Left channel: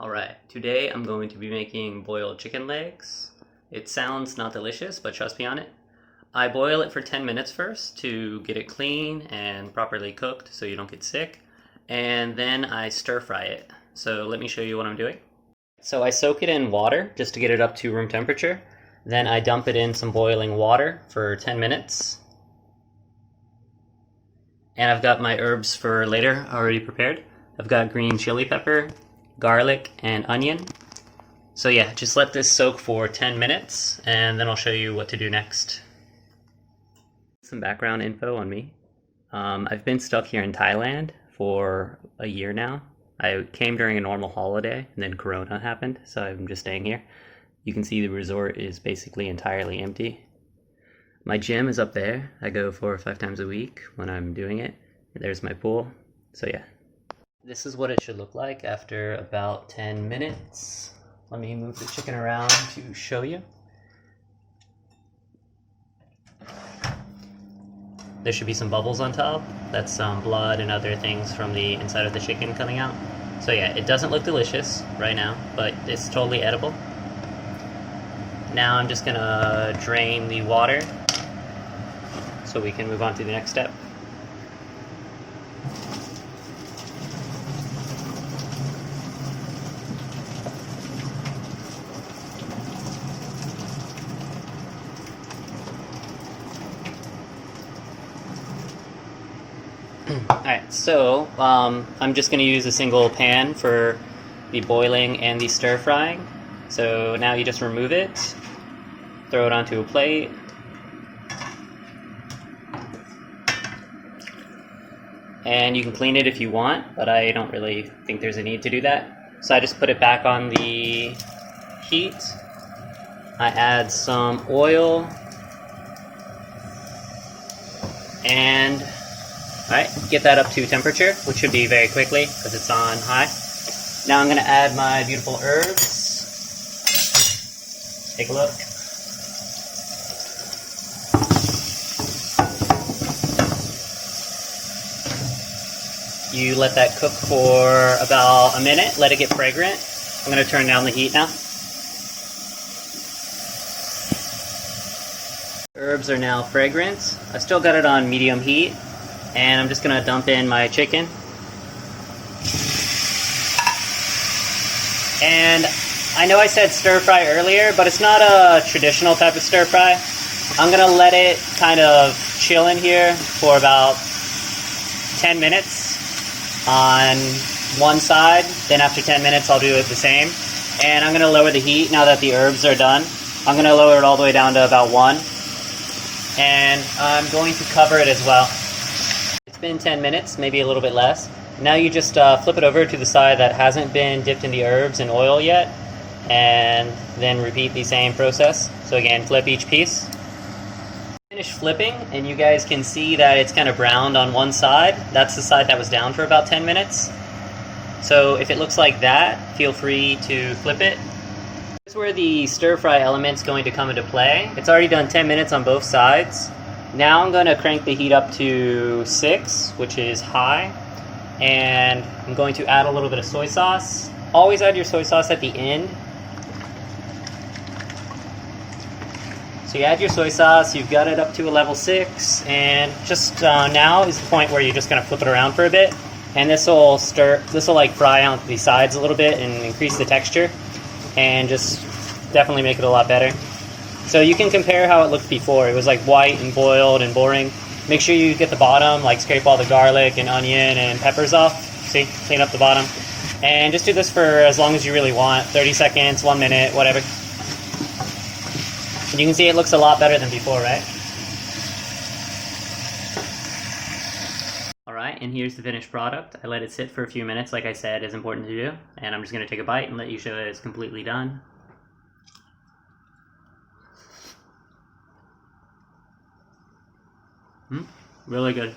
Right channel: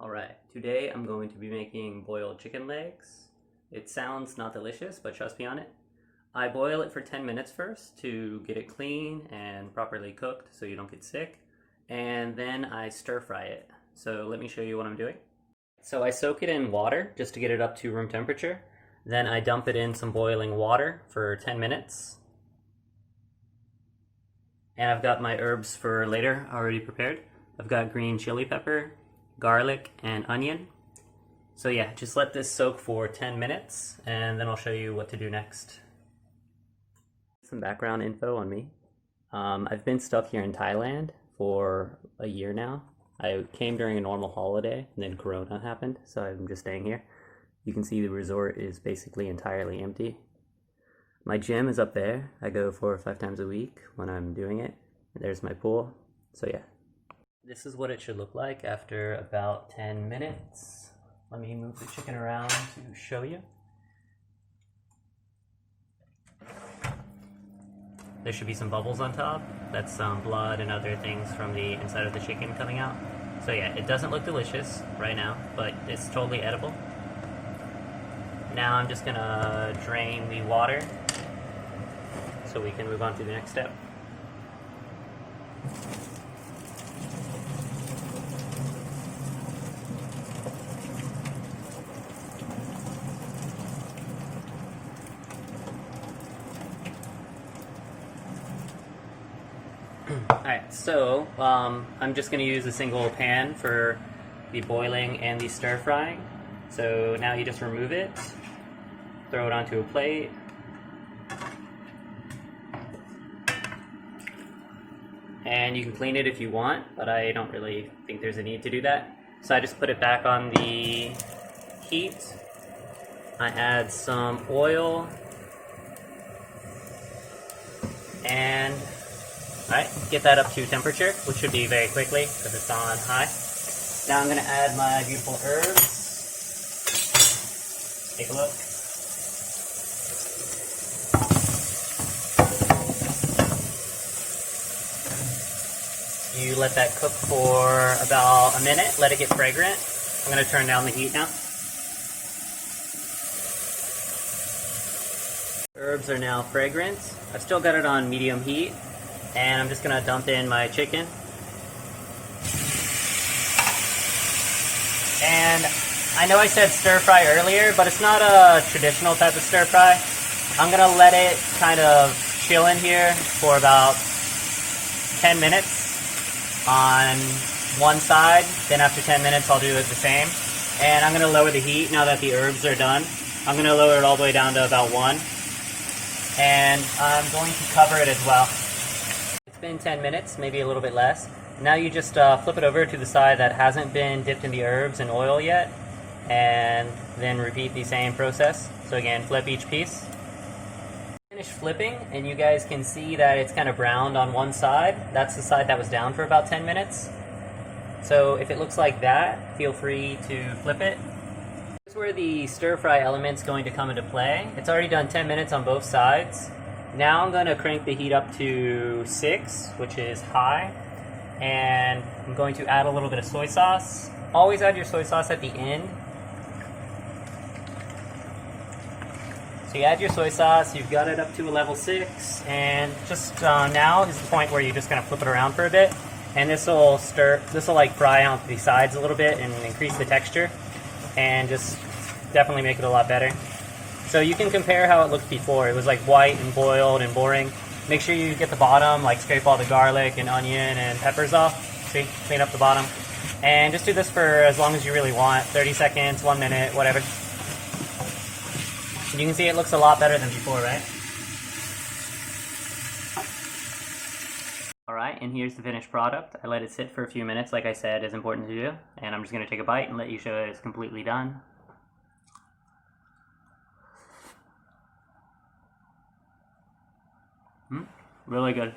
Alright, today I'm going to be making boiled chicken legs. It sounds not delicious, but trust me on it. I boil it for 10 minutes first to get it clean and properly cooked so you don't get sick. And then I stir fry it. So let me show you what I'm doing. So I soak it in water just to get it up to room temperature. Then I dump it in some boiling water for 10 minutes. And I've got my herbs for later already prepared. I've got green chili pepper, garlic, and onion. So yeah, just let this soak for 10 minutes and then I'll show you what to do next. Some background info on me. I've been stuck here in Thailand for a year now. I came during a normal holiday and then Corona happened, so I'm just staying here. You can see the resort is basically entirely empty. My gym is up there. I go 4 or 5 times a week when I'm doing it. There's my pool. So yeah. This is what it should look like after about 10 minutes. Let me move the chicken around to show you. There should be some bubbles on top. That's some blood and other things from the inside of the chicken coming out. So yeah, it doesn't look delicious right now, but it's totally edible. Now I'm just gonna drain the water so we can move on to the next step. Alright, so I'm just going to use a single pan for the boiling and the stir frying. So now you just remove it, throw it onto a plate. And you can clean it if you want, but I don't really think there's a need to do that. So I just put it back on the heat. I add some oil. And alright, get that up to temperature, which should be very quickly because it's on high. Now I'm going to add my beautiful herbs. Take a look. You let that cook for about a minute, let it get fragrant. I'm going to turn down the heat now. Herbs are now fragrant. I still got it on medium heat. And I'm just going to dump in my chicken. And I know I said stir fry earlier, but it's not a traditional type of stir fry. I'm going to let it kind of chill in here for about 10 minutes on one side. Then after 10 minutes I'll do it the same. And I'm going to lower the heat now that the herbs are done. I'm going to lower it all the way down to about 1. And I'm going to cover it as well. It's been 10 minutes, maybe a little bit less. Now you just flip it over to the side that hasn't been dipped in the herbs and oil yet, and then repeat the same process. So again, flip each piece. Finish flipping, and you guys can see that it's kind of browned on one side. That's the side that was down for about 10 minutes. So if it looks like that, feel free to flip it. Here's where the stir fry element's going to come into play. It's already done 10 minutes on both sides. Now I'm going to crank the heat up to 6, which is high, and I'm going to add a little bit of soy sauce. Always add your soy sauce at the end. So you add your soy sauce, you've got it up to a level 6, and just now is the point where you're just going to flip it around for a bit, and this will like fry out the sides a little bit and increase the texture, and just definitely make it a lot better. So you can compare how it looked before. It was like white and boiled and boring. Make sure you get the bottom, like scrape all the garlic and onion and peppers off. See, clean up the bottom. And just do this for as long as you really want. 30 seconds, 1 minute, whatever. And you can see it looks a lot better than before, right? Alright, and here's the finished product. I let it sit for a few minutes, like I said, is important to do. And I'm just going to take a bite and let you show that it's completely done. Really good.